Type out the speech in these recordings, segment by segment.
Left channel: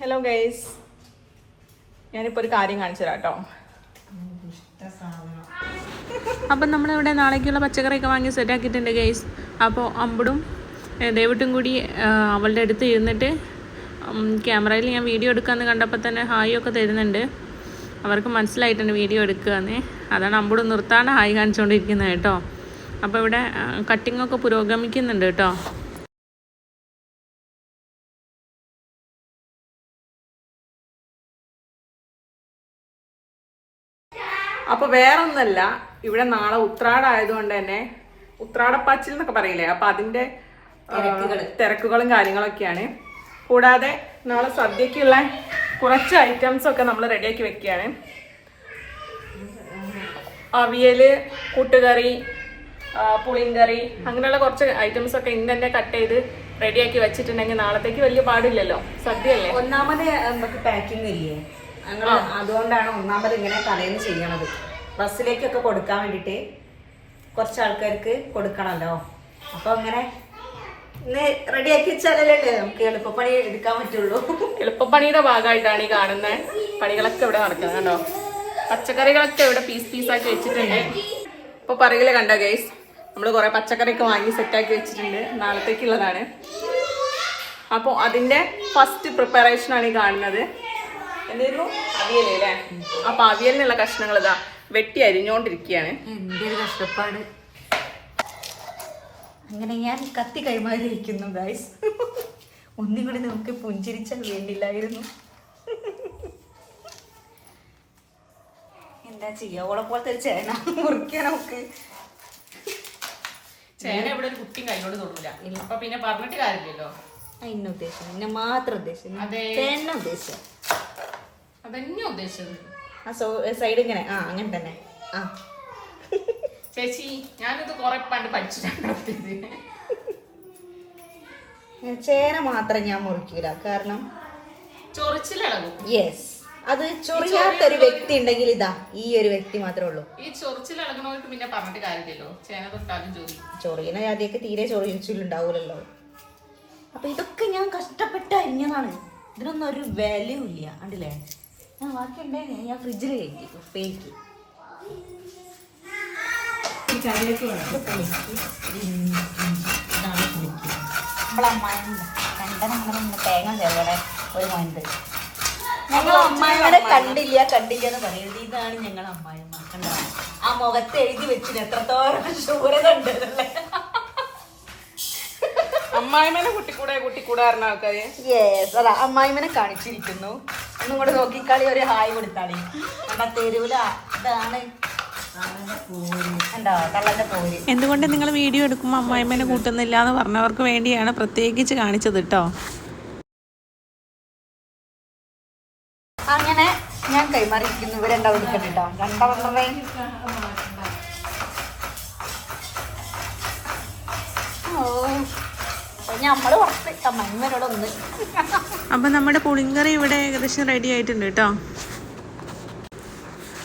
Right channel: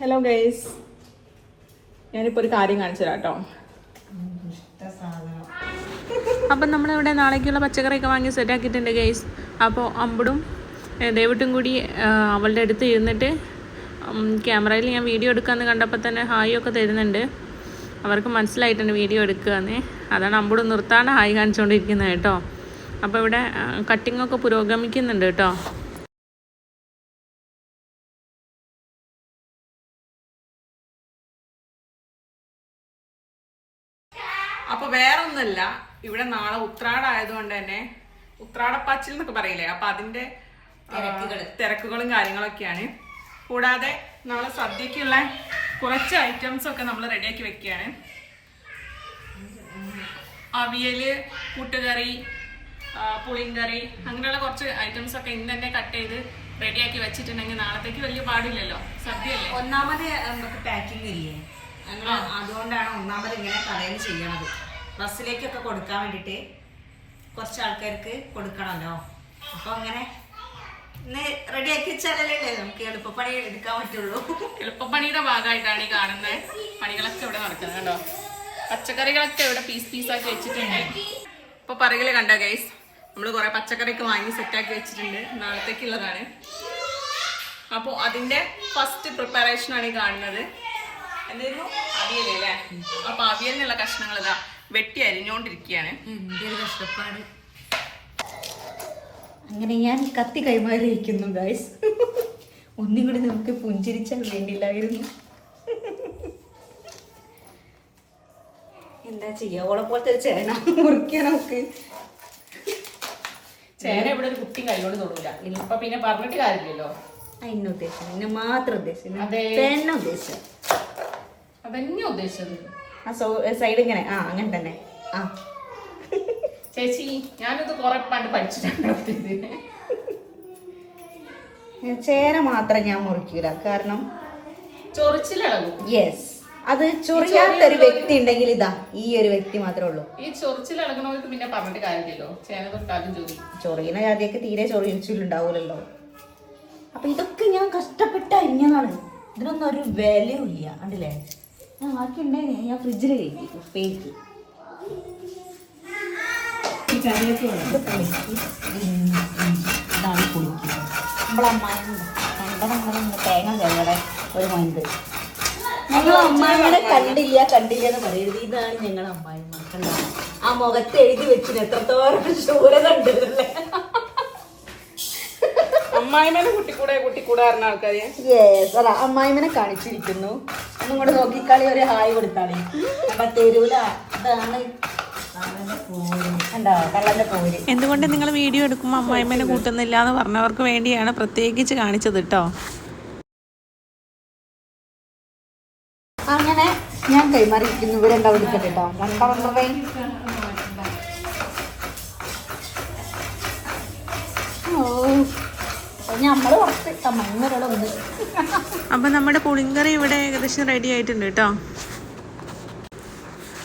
Hello guys, ഞാനിപ്പോൾ ഒരു കാര്യം കാണിച്ചു തരാം കേട്ടോ. അപ്പം നമ്മളിവിടെ നാളേക്കുള്ള പച്ചക്കറിയൊക്കെ വാങ്ങി സെറ്റാക്കിയിട്ടുണ്ട് ഗൈസ്. അപ്പോൾ അമ്പടും ദേവിട്ടും കൂടി അവളുടെ അടുത്ത് ഇരുന്നിട്ട് ക്യാമറയിൽ ഞാൻ വീഡിയോ എടുക്കാമെന്ന് കണ്ടപ്പോൾ തന്നെ ഹായ് ഒക്കെ തരുന്നുണ്ട്. അവർക്ക് മനസ്സിലായിട്ടുണ്ട് വീഡിയോ എടുക്കുകയെന്ന്. അതാണ് അമ്പടും നിർത്താണ്ട് ഹായ് കാണിച്ചുകൊണ്ടിരിക്കുന്നത് കേട്ടോ. അപ്പോൾ ഇവിടെ കട്ടിങ്ങൊക്കെ പുരോഗമിക്കുന്നുണ്ട് കേട്ടോ. അപ്പോൾ വേറൊന്നല്ല, ഇവിടെ നാളെ ഉത്രാടായതുകൊണ്ട് തന്നെ ഉത്രാടപ്പാച്ചിൽ എന്നൊക്കെ പറയില്ലേ, അപ്പൊ അതിന്റെ തിരക്കുകളും കാര്യങ്ങളൊക്കെയാണ്. കൂടാതെ നാളെ സദ്യക്കുള്ള കുറച്ച് ഐറ്റംസ് ഒക്കെ നമ്മൾ റെഡിയാക്കി വെക്കുകയാണ്. അവിയല്, കൂട്ടുകറി, പുളിങ്കറി, അങ്ങനെയുള്ള കുറച്ച് ഐറ്റംസ് ഒക്കെ ഇന്ന് തന്നെ കട്ട് ചെയ്ത് റെഡിയാക്കി വെച്ചിട്ടുണ്ടെങ്കിൽ നാളത്തേക്ക് വലിയ പാടില്ലല്ലോ. സദ്യയല്ലേ. ഒന്നാമത് നമുക്ക് പാക്കിംഗ് ഇല്ലേ, ഞങ്ങൾ അതുകൊണ്ടാണ് ഒന്നാമത് ഇങ്ങനെ കടയിൽ ചെയ്യണത്. ബസ്സിലേക്കൊക്കെ കൊടുക്കാൻ വേണ്ടിയിട്ട് കുറച്ച് ആൾക്കാർക്ക് കൊടുക്കണമല്ലോ. അപ്പൊ അങ്ങനെ റെഡിയാക്കി വെച്ചാലല്ലേ നമുക്ക് എളുപ്പപ്പണി എടുക്കാൻ പറ്റുള്ളൂ. എളുപ്പപ്പണിയുടെ ഭാഗമായിട്ടാണ് ഈ കാണുന്ന പണികളൊക്കെ ഇവിടെ നടക്കുന്നത് കേട്ടോ. പച്ചക്കറികളൊക്കെ ഇവിടെ പീസാക്കി വെച്ചിട്ടുണ്ട്. ഇപ്പൊ പറയില് കണ്ട ഗൈസ്, നമ്മൾ കുറെ പച്ചക്കറിയൊക്കെ വാങ്ങി സെറ്റാക്കി വെച്ചിട്ടുണ്ട്, നാളത്തേക്കുള്ളതാണ്. അപ്പൊ അതിന്റെ ഫസ്റ്റ് പ്രിപ്പറേഷൻ ആണ് ഈ കാണുന്നത്. എന്തായിരുന്നു? അവിയലല്ലേ. അപ്പൊ അവിയലിനുള്ള കഷ്ണങ്ങൾ ഇതാ വെട്ടി അരിഞ്ഞോണ്ടിരിക്കുകയാണ്. എന്റെ ഒരു കഷ്ടപ്പാട്. അങ്ങനെ ഞാൻ കത്തി കൈമാറിയിരിക്കുന്നു ഗൈസ്. ഒന്നും കൂടി നമുക്ക് പുഞ്ചിരിച്ചാൽ വേണ്ടില്ലായിരുന്നു. എന്താ ചെയ്യാ, ഓളെ പോലത്തെ ഒരു ചേന മുറിക്കാൻ നമുക്ക്. ചേന ഇവിടെ ഒരു കുട്ടി കൈകൊണ്ട് തൊടൂല. അപ്പൊ പിന്നെ പറഞ്ഞിട്ട് കാര്യമില്ലല്ലോ. എന്നെ ഉദ്ദേശിച്ചു, എന്നെ മാത്രം ഉദ്ദേശിച്ചു, ചേന ഉദ്ദേശിച്ചു. അതന്നെ ഉദ്ദേശിച്ചത്. ആ സൈഡ് ഇങ്ങനെ അങ്ങനെ തന്നെ. ആ ചേച്ചി, ഞാനിത് കുറെ പണ്ട് പഠിച്ചിട്ടുണ്ട്. ചേന മാത്രം ഞാൻ മുറിക്കൂല, കാരണം ചൊറിച്ചിലടങ്ങും. യെസ്, അത് ചൊറിയാത്തൊരു വ്യക്തി ഉണ്ടെങ്കിൽ ഇതാ ഈ ഒരു വ്യക്തി മാത്രമേ ഉള്ളൂ. ഈ ചൊറിച്ചിലടങ്ങണവർക്ക് പിന്നെ പറഞ്ഞിട്ട് കാര്യമില്ലല്ലോ. ചേന തൊട്ടാലും ചൊറിയുന്ന ജാതിയൊക്കെ തീരെ ചൊറിയിച്ചിട്ടുണ്ടാവൂലല്ലോ. അപ്പൊ ഇതൊക്കെ ഞാൻ കഷ്ടപ്പെട്ട് അരിഞ്ഞതാണ്. ഇതിനൊന്നും ഒരു വാല്യൂ ഇല്ല. കണ്ടില്ലേ, ഞാൻ ബാക്കി ഉണ്ടായി ഞാൻ ഫ്രിഡ്ജിൽ കഴിക്കും. ഉപ്പേരിക്ക് ഈ കറിയൊക്കെ ഇതാണ് കുളിക്കുക. തേങ്ങ ചെല്ലടെ ഒരു മണ്ട്. അമ്മായിമ്മനെ കണ്ടില്ല എന്ന് പറയരുത്. ഇതാണ് ഞങ്ങളുടെ അമ്മായിമ്മ. കണ്ടോ, ആ മുഖത്ത് എഴുതി വെച്ചിന് എത്രത്തോളം ശൂരത ഉണ്ടല്ലേ. അമ്മായിമനെ കുട്ടിക്കൂടെ പറഞ്ഞ ആൾക്കാര്. യെസ്, അതാ അമ്മായിമനെ കാണിച്ചിരിക്കുന്നു. ഒന്നും കൂടെ നോക്കിക്കളി, ഒരു ഹായ് കൊടുത്താണ്. തെരുവില ഇതാണ് എന്തുകൊണ്ട് നിങ്ങൾ വീഡിയോ എടുക്കുമ്പോൾ അമ്മായിമ്മനെ കൂട്ടുന്നില്ല എന്ന് പറഞ്ഞവർക്ക് വേണ്ടിയാണ് പ്രത്യേകിച്ച് കാണിച്ചത് കേട്ടോ. അങ്ങനെ ഞാൻ കൈമാറിയിരിക്കുന്നു. ഇവരെന്താ വിളിക്കട്ടെ കേട്ടോ. അപ്പം നമ്മുടെ പുളിങ്കറി ഇവിടെ ഏകദേശം റെഡി ആയിട്ടുണ്ട് കേട്ടോ.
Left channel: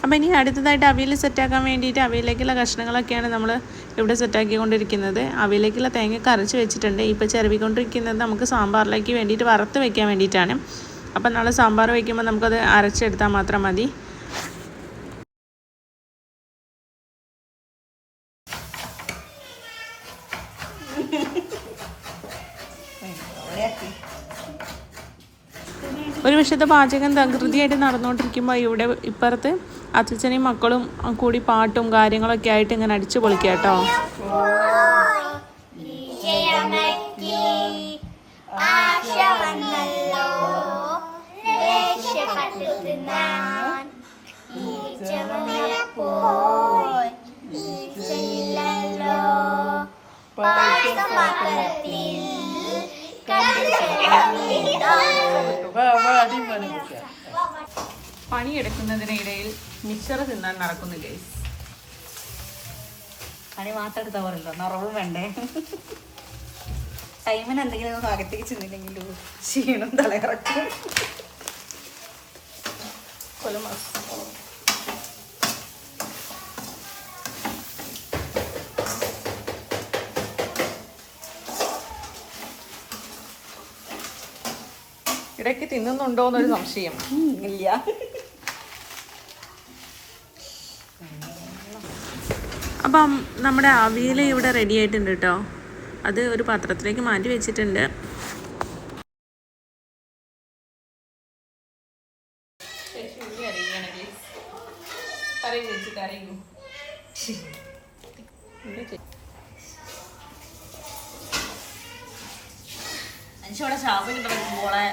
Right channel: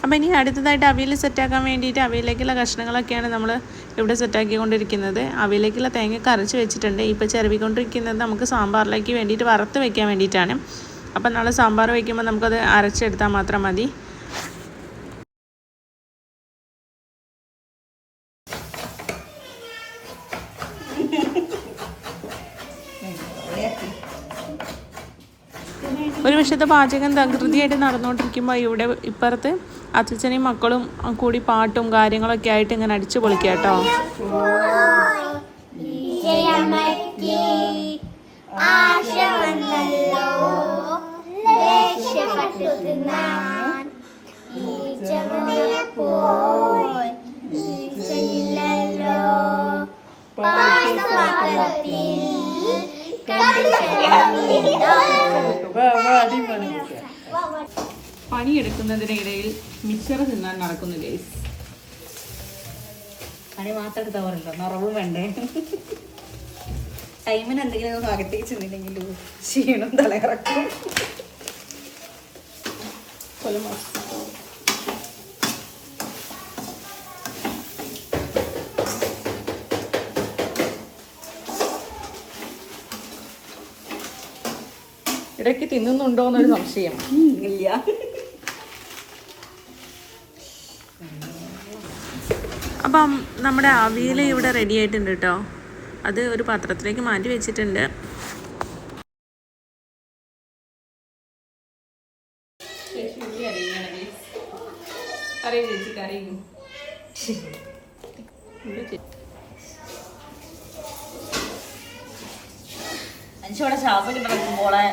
അപ്പം ഇനി അടുത്തതായിട്ട് അവിയൽ സെറ്റാക്കാൻ വേണ്ടിയിട്ട് അവിയലേക്കുള്ള കഷ്ണങ്ങളൊക്കെയാണ് നമ്മൾ ഇവിടെ സെറ്റാക്കിക്കൊണ്ടിരിക്കുന്നത്. അവിയലേക്കുള്ള തേങ്ങ അരച്ച് വെച്ചിട്ടുണ്ട്. ഇപ്പോൾ ചിരവിക്കൊണ്ടിരിക്കുന്നത് നമുക്ക് സാമ്പാറിലേക്ക് വേണ്ടിയിട്ട് വറുത്ത് വെക്കാൻ വേണ്ടിയിട്ടാണ്. അപ്പം നാളെ സാമ്പാർ വയ്ക്കുമ്പോൾ നമുക്കത് അരച്ചെടുത്താൽ മാത്രം മതി. ഒരു വശത്തെ പാചകം തകൃതിയായിട്ട് നടന്നുകൊണ്ടിരിക്കുമ്പോൾ ഇവിടെ ഇപ്പുറത്ത് അച്ഛനെയും മക്കളും കൂടി പാട്ടും കാര്യങ്ങളൊക്കെ ആയിട്ട് ഇങ്ങനെ അടിച്ചു പൊളിക്കുക കേട്ടോ. പണിയെടുക്കുന്നതിനിടയിൽ മിക്സർ തിന്നാൻ നടക്കുന്നു ഗൈസ്. പണി മാത്രം എടുത്താൽ പറയണ്ടോ, നിറവും വേണ്ടേ. ടൈമിന് എന്തെങ്കിലും അകത്തേക്ക് ചെന്നില്ലെങ്കിലും ക്ഷീണം തലയിറക്കും. ഇടയ്ക്ക് തിന്നുന്നുണ്ടോ എന്നൊരു സംശയം. ഇല്ല. അപ്പം നമ്മുടെ അവിയൽ ഇവിടെ റെഡി ആയിട്ടുണ്ട് കേട്ടോ. അത് ഒരു പാത്രത്തിലേക്ക് മാറ്റി വെച്ചിട്ടുണ്ട്. എനിക്കിവിടെ ശ്വാസം കിട്ടുമ്പോളെ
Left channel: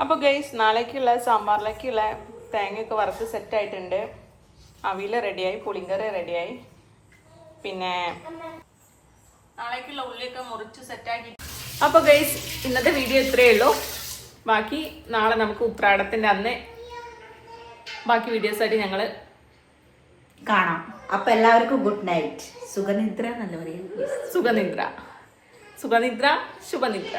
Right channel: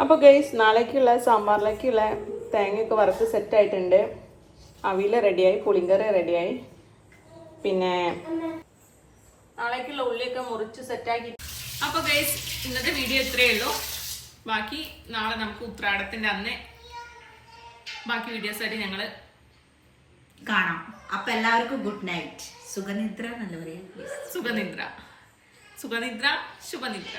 അപ്പോൾ ഗൈസ് നാളേക്കുള്ള സാമ്പാറിലേക്കുള്ള തേങ്ങയൊക്കെ വറുത്ത് സെറ്റ് ആയിട്ടുണ്ട്. അവിയൽ റെഡിയായി, പുളിങ്കറി റെഡിയായി, പിന്നെ നാളേക്കുള്ള ഉള്ളിയൊക്കെ മുറിച്ച് സെറ്റാക്കി. അപ്പോൾ ഗൈസ് ഇന്നത്തെ വീഡിയോ ഇത്രയേ ഉള്ളൂ. ബാക്കി നാളെ നമുക്ക് ഉത്രാടത്തിന്റെ അന്ന് ബാക്കി വീഡിയോസ് ആയിട്ട് ഞങ്ങൾ കാണാം. അപ്പൊ എല്ലാവർക്കും ഗുഡ് നൈറ്റ്. സുഖനിദ്ര എന്നല്ല പറയുന്നത്. സുഖനിദ്ര, സുഖനിദ്ര, ശുഭനിദ്ര.